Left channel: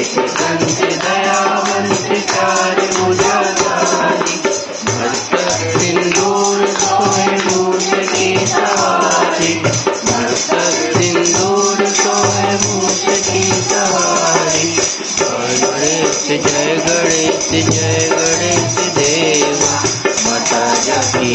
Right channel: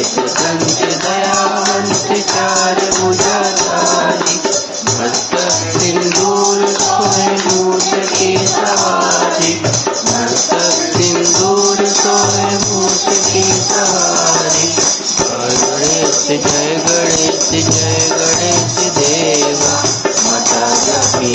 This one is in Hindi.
गणेश संत दयावंत चार भुजाधारी मस्तक सिंदूर सोहे मूष की सवारी मस्तक सिंदूर सोहे मूष की सवारी जय गणेश देवा माता जकी